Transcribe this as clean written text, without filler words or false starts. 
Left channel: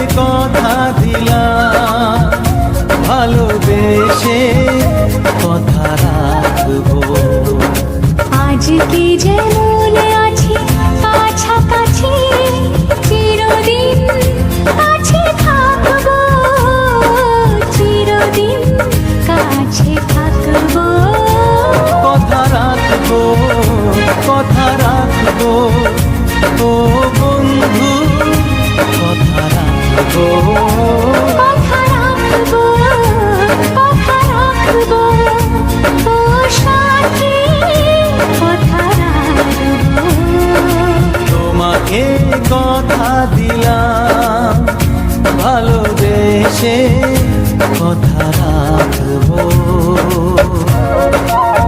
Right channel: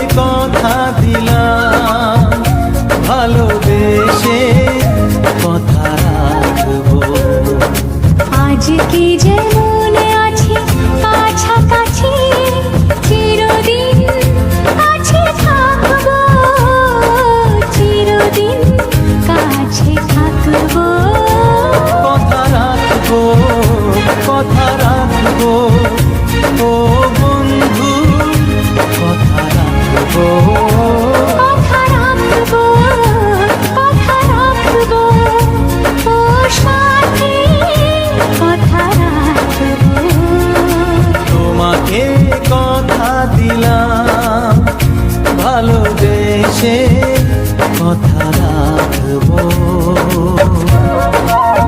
কথা দিলাম, ভালোবেসে কথা রাখবো। আজকে যেমন আছি কাছাকাছি, চিরদিন কাছে থাকবো, চিরদিন কাছে থাকবো। কথা রাখবো, কথা রাখবো, ও বন্ধু কথা রাখবো। কথা রাখবো, কথা রাখবো, ও সাথী কথা রাখবো। তোমাকে কথা দিলাম, ভালোবেসে কথা রাখবো।